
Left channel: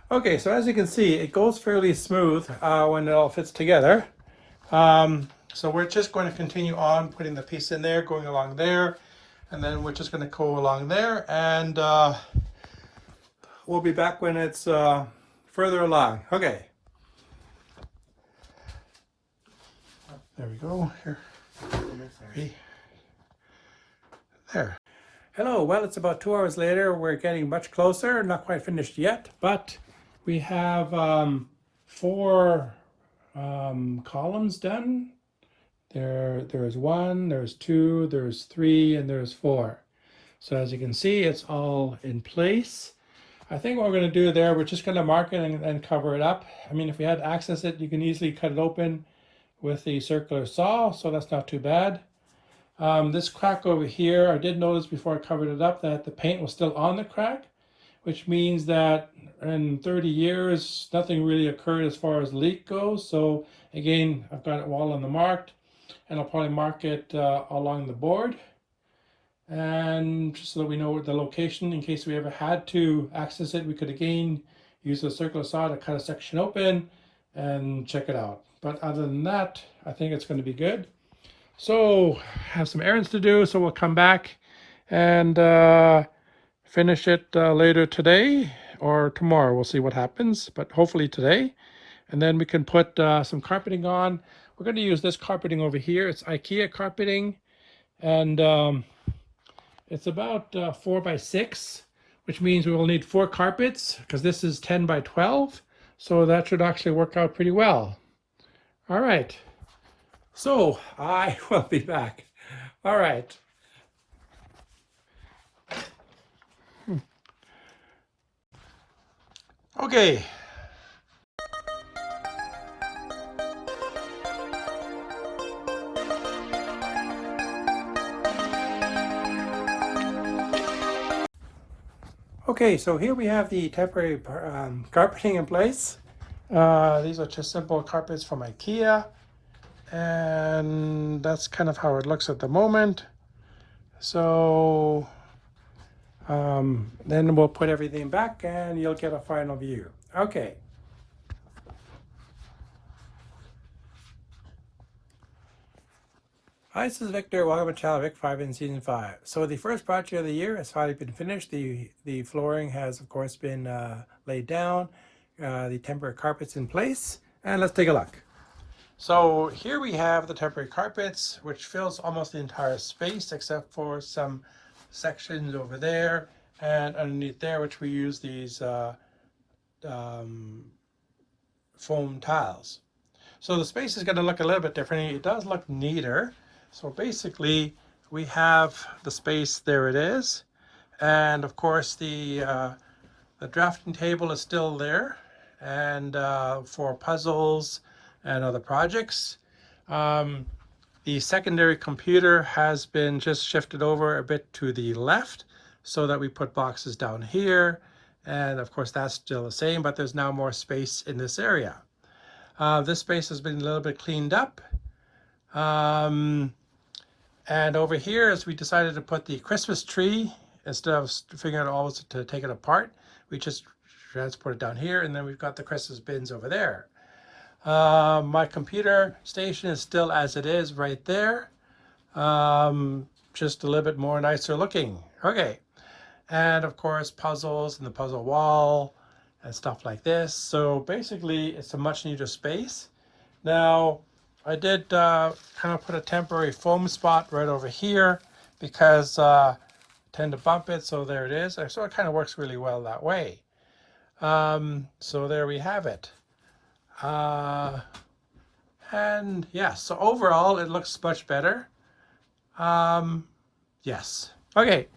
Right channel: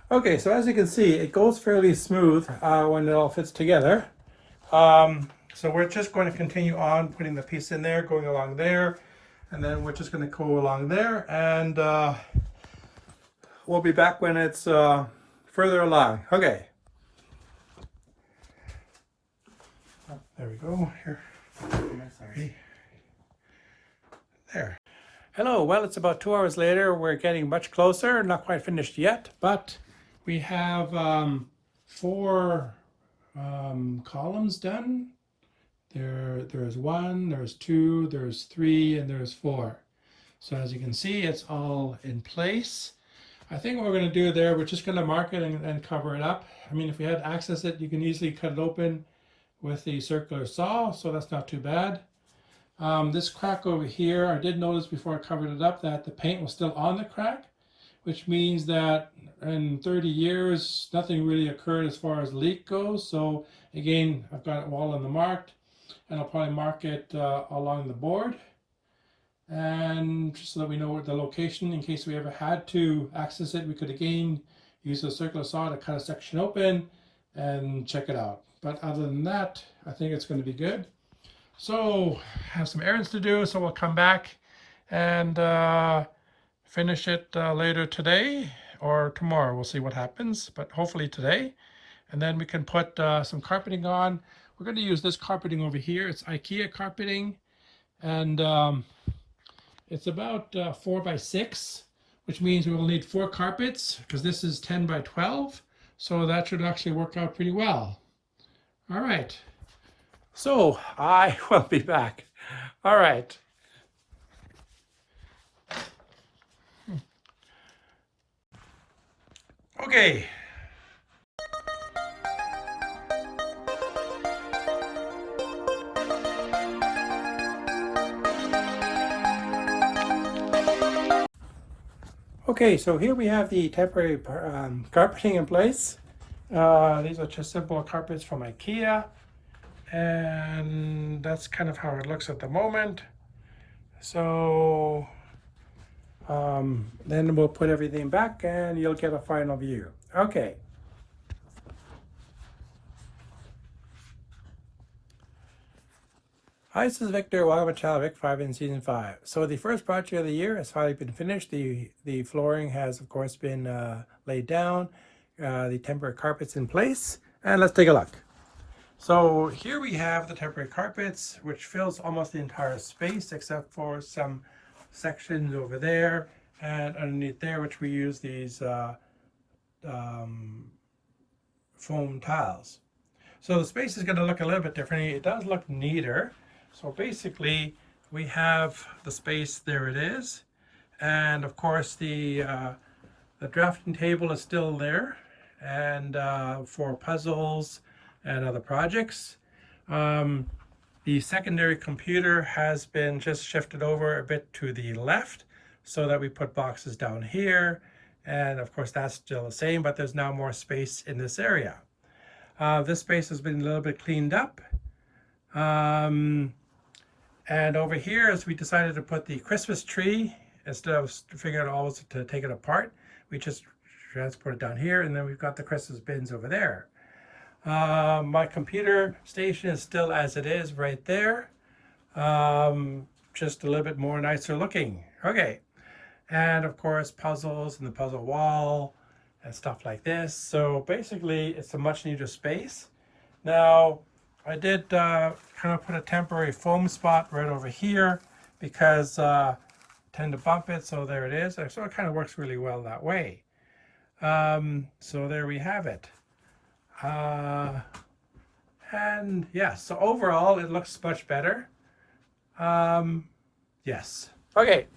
Okay, so as you can see, it goes fairly smooth when it all fits together. So we're just going to continue on putting the piece in there, going along there, and then we're just going to go along there, and we'll be back when it's further along. Okay. There we go. Here. Okay. There. Hello. Well, it's about 2 hours later. We're getting much closer. Not quite finished yet, but we have 4 columns done. There's 1, there's 2, there's 3, and there's 4. So as you can see, it's all in place. I think what we're going to do there, we're just going to mark it and cover it up. I mean, if we had to access it, you can easily cut it open with the circular saw, so that's not too bad. This crack over here, I did notice before I covered it up that the paint was still on the crack, which means that in 30 years, nothing really occurred as far as leak goes. So again, I've got it all on the marked, and I'll probably mark it along the board. and just so that we know the location in case we ever had to access it, we could again use a circular saw to cut a section open and check it out. But other than that, I think it's going to be good. So have some errands to do, so we'll come back and finish it later today or tomorrow. We'll see what happens, but hopefully today. And then we can put some carpeting on. We're going to use this carpeting over here. It's IKEA carpeting, and it's about 4 by 6, which means we will need 4 carpets because this is 10 by 12. So that should actually work out pretty well. All right. So I will be back. All right. Okay. Okay, so here we have the temporary carpeting in place. These are just simple carpets from IKEA, and that's kind of how it looks at the moment. So then we'll put everything back and you'll get a final view. Okay. Hi, this is Victor. Welcome to Channel Vic 5 in Season 5. So the first project of the year has finally been finished. The flooring has, of course, been laid down. The temporary carpets in place. And let's take a look. So here we have the temporary carpets, which fills almost the entire space except for some sections over there and underneath there, which we use these foam tiles. So the space is going to look a little bit different. It does look neater. So basically we have the space, there it is. And of course the drafting table is still there, and for puzzles and other projects. The secondary computer has been just shifted over a bit to the left so that we put boxes down here. And of course that's still the same, but there's now more space in this area. This space has been a little bit cleaned up. And over here, as we decided to put the Christmas tree, instead of figuring out always to take it apart, we just transport it down here, and then we've got the Christmas bins over there. My computer station is still as it is right there, just a little bit more nicer looking. Okay, and of course puzzles and the puzzle wall and stuff like this. So basically it's a much neater space. Now I did kind of put a temporary foam spot right over here because I tend to bump it, so there it is. So it kind of works really well that way. So there we have it. And yeah, so overall it looks much better. Yes. Okay,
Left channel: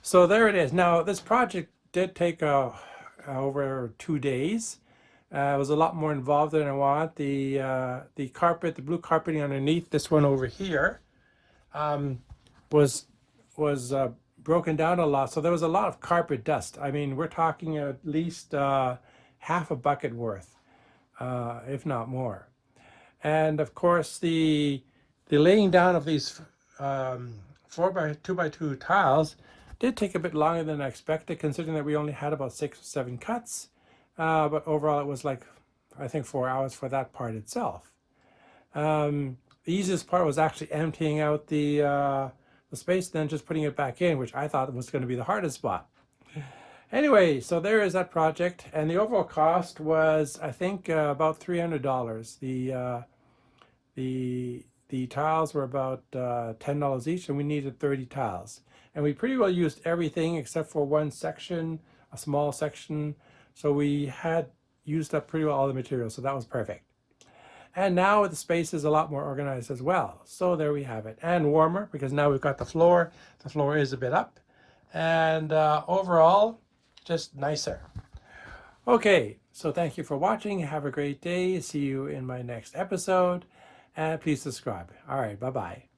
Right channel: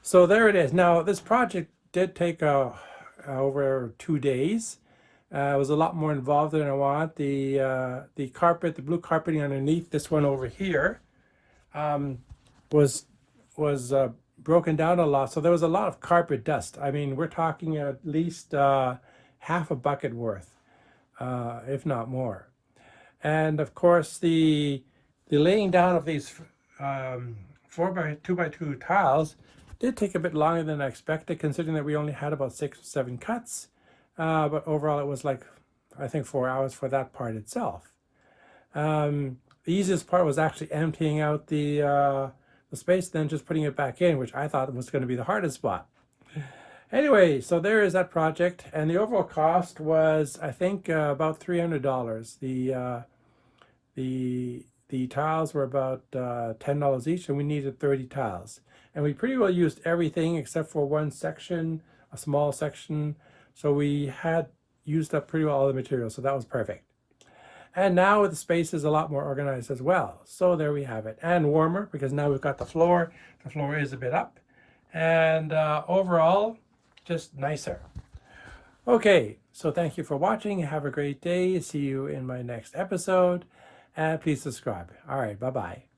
so there it is. Now this project did take over 2 days. It was a lot more involved than I want. The carpet, the blue carpeting underneath this one over here, was broken down a lot. So there was a lot of carpet dust. I mean, we're talking at least half a bucket worth, if not more. And of course, the laying down of these 4 by 2 by 2 tiles did take a bit longer than I expected, considering that we only had about 6 or 7 cuts. But overall, it was like, I think, 4 hours for that part itself. The easiest part was actually emptying out the space, then just putting it back in, which I thought was going to be the hardest spot. Anyway, so there is that project, and the overall cost was, I think, about $300. The tiles were about $10 each, and we needed 30 tiles. And we pretty well used everything except for one section, a small section. So we had used up pretty well all the materials, so that was perfect. And now the space is a lot more organized as well. So there we have it. And warmer, because now we've got the floor. The floor is a bit up. And overall, just nicer. Okay, so thank you for watching. Have a great day. See you in my next episode. And please subscribe. All right, bye-bye.